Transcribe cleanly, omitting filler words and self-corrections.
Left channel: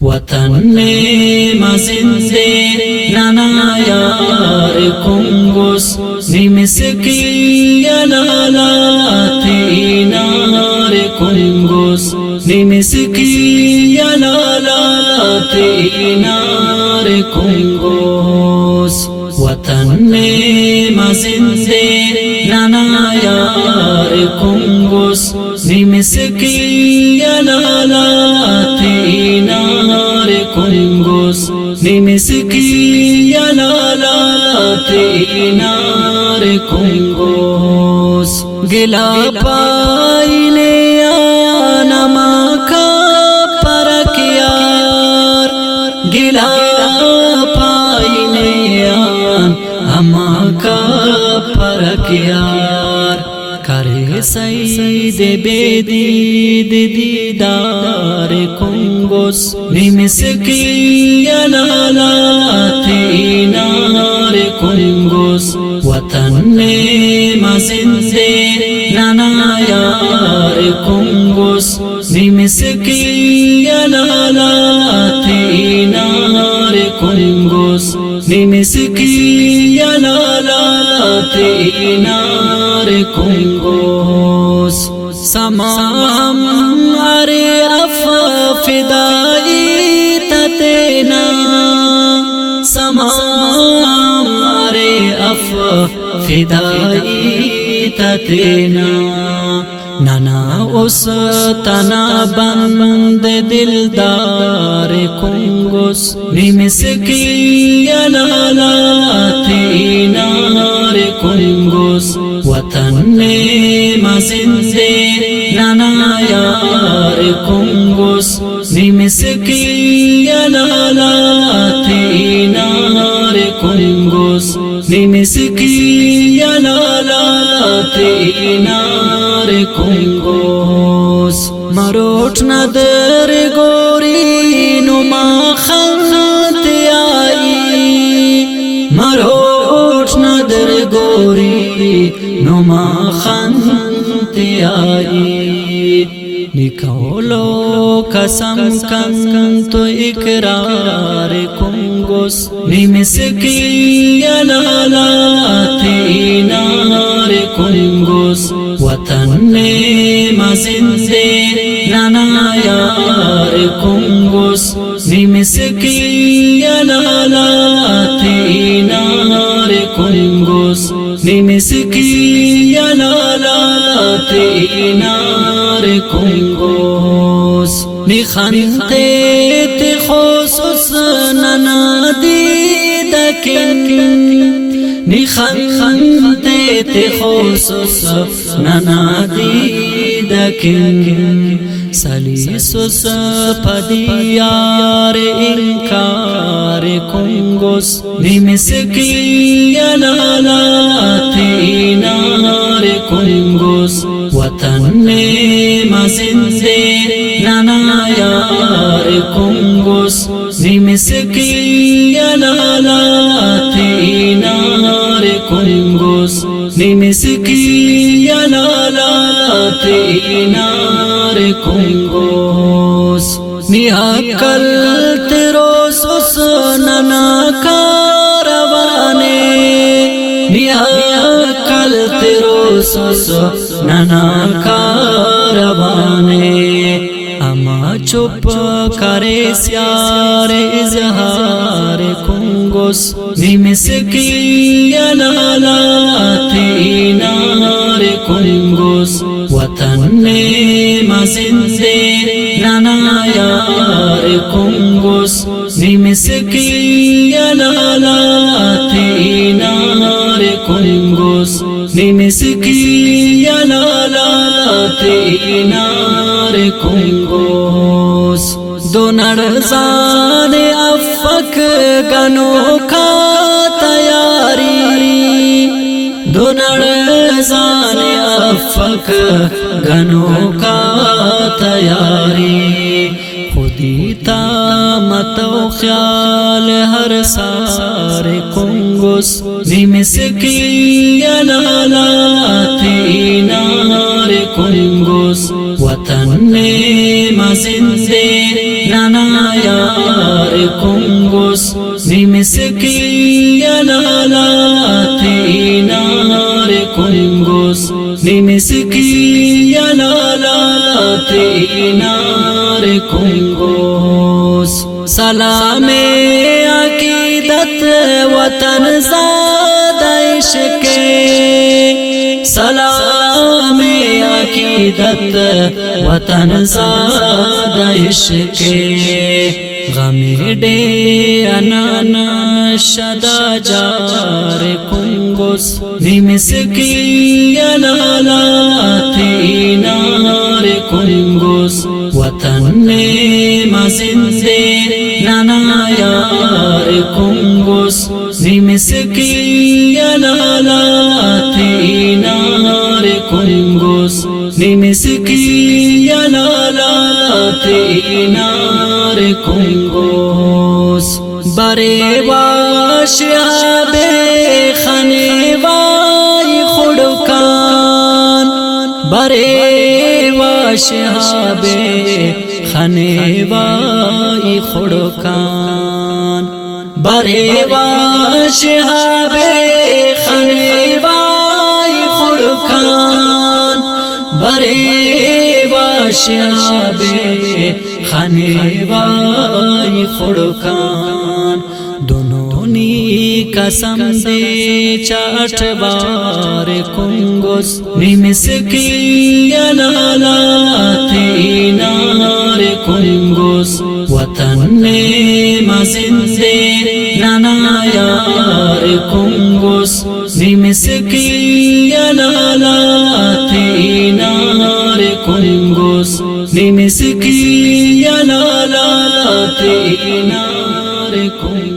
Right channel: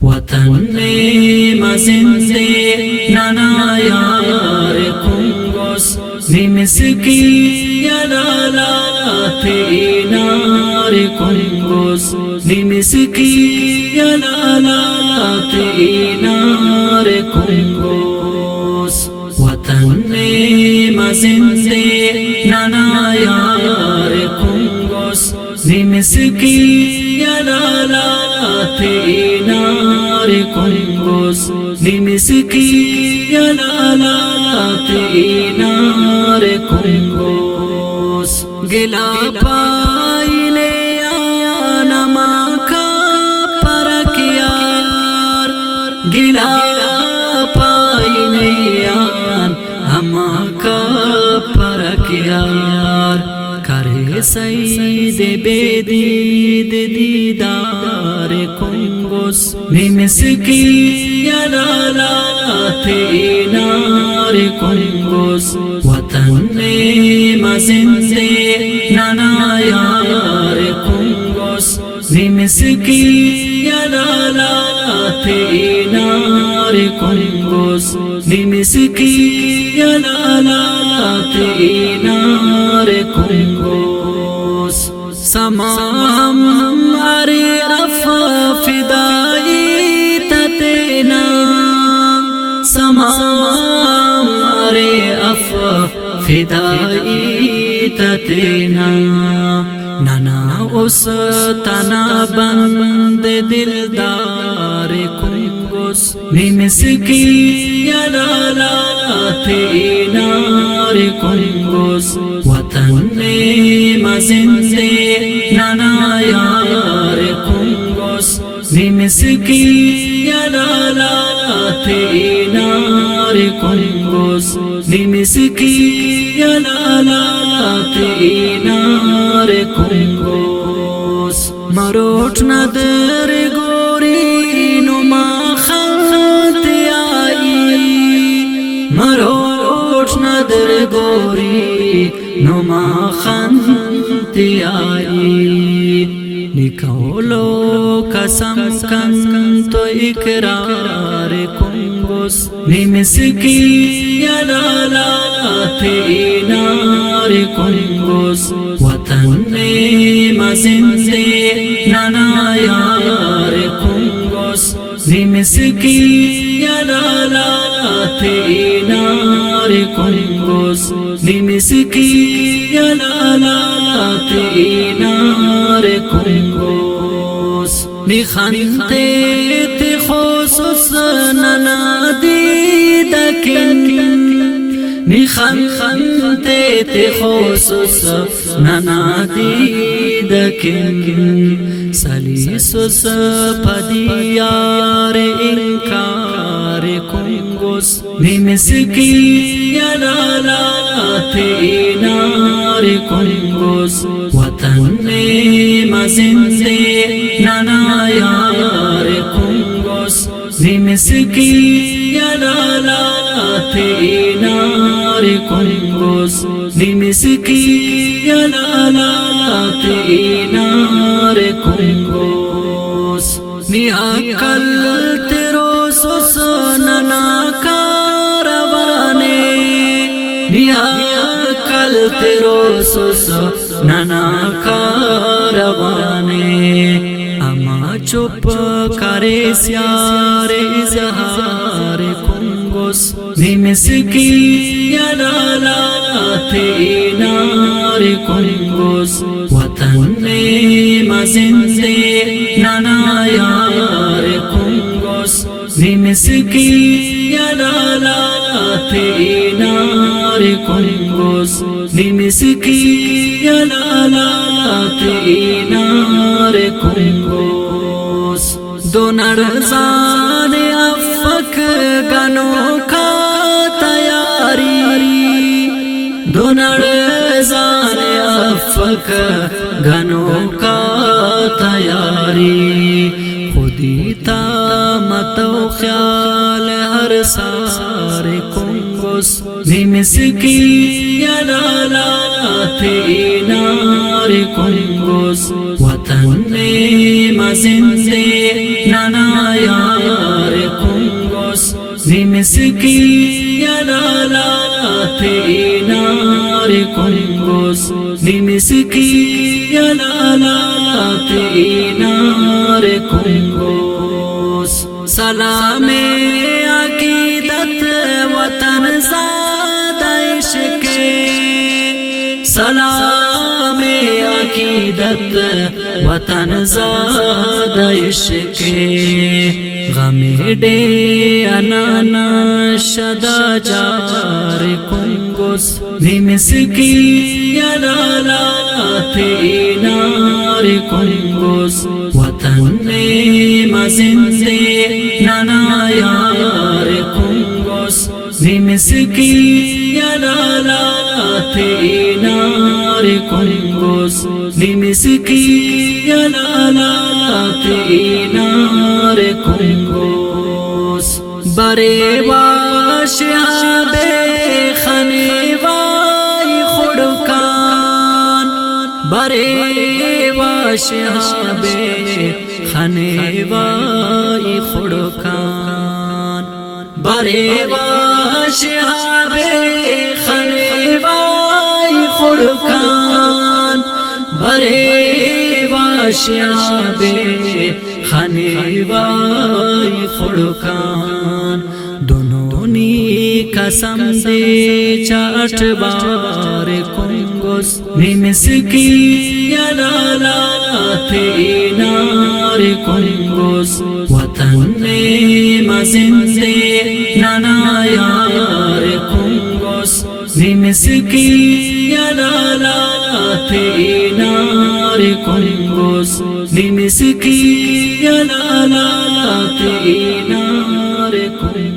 वतन ने मजिंदे नाना यार कुंगोस निमिसकी यलालाते नार कुंगोस निमिसकी यलालाते नार कुंगोस वतन ने मजिंदे नाना यार कुंगोस निमिसकी यलालाते नार कुंगोस निमिसकी यलालाते नार कुंगोस गिला पाइले आनमा का परकियार गिला पाइले आनमा का परकियार करे सईद बेदीद दीदार कुंगोस निमिसकी यलालाते नार कुंगोस वतन ने मजिंदे नाना यार कुंगोस निमिसकी यलालाते नार कुंगोस निमिसकी यलालाते नार कुंगोस समाम अरे अफ फिदाई ततेना समाम अरे अफ फिदाई ततेना नाना उस तना बंद दिलदार कुंगोस निमिसकी यलालाते नार कुंगोस वतन ने मजिंदे नाना यार कुंगोस निमिसकी यलालाते नार कुंगोस निमिसकी यलालाते नार कुंगोस मरोट नदर गोरी नुमा खलते आई मरोट नदर गोरी नुमा खलते आई निकोलो कसम कंतो इकरार कुंगोस निमिसकी यलालाते नार कुंगोस वतन ने मजिंदे नाना यार कुंगोस निमिसकी यलालाते नार कुंगोस निमिसकी यलालाते नार कुंगोस निखंते ते खोसुस ननादी दकिन निखंते ते खोसुस ननादी दकिन सलीसुस पदियार इंकार कुंगोस निमिसकी यलालाते नार कुंगोस वतन ने मजिंदे नाना यार कुंगोस निमिसकी यलालाते नार कुंगोस निमिसकी यलालाते नार कुंगोस निहकल तेरो सुस नना कारवाने निहकल तेरो सुस नना कारवाने अमा चुप करे स्यार इजहार कुंगोस निमिसकी यलालाते नार कुंगोस वतन ने मजिंदे नाना यार कुंगोस निमिसकी यलालाते नार कुंगोस निमिसकी यलालाते नार कुंगोस दोनर जाने अफक गनो का तैयारी दोनर जाने अफक गनो का तैयारी खुदी ता मतो ख्याल हर सारे कुंगोस निमिसकी यलालाते नार कुंगोस वतन ने मजिंदे नाना यार निमिसकी यलालात इनार कुंगुस निमिसकी यलालात इनार कुंगुस सलामे अकीदत वतन ज़ादा इश्क़े सलामे अकीदत वतन ज़ादा इश्क़े गमे डे अनाना शदा जार कुंगुस निमिसकी यलालात इनार कुंगुस वतन ने मजिंदे नाना यार कुंगुस निमिसकी यलालात इनार कुंगुस निमिसकी यलालात इनार कुंगुस बरेवा शहाबे खनेवाई खुड़कान बरेवा शहाबे खनेवाई खुड़कान बरेवा शहाबे खनेवाई खुड़कान बरेवा शहाबे खनेवाई खुड़कान दोनों नी कसम दे 8 बार कुंगुस निमिसकी यलालात इनार कुंगुस वतन ने मजिंदे नाना यार कुंगुस निमिसकी यलालात इनार कुंगुस निमिसकी यलालात इनार कुंगुस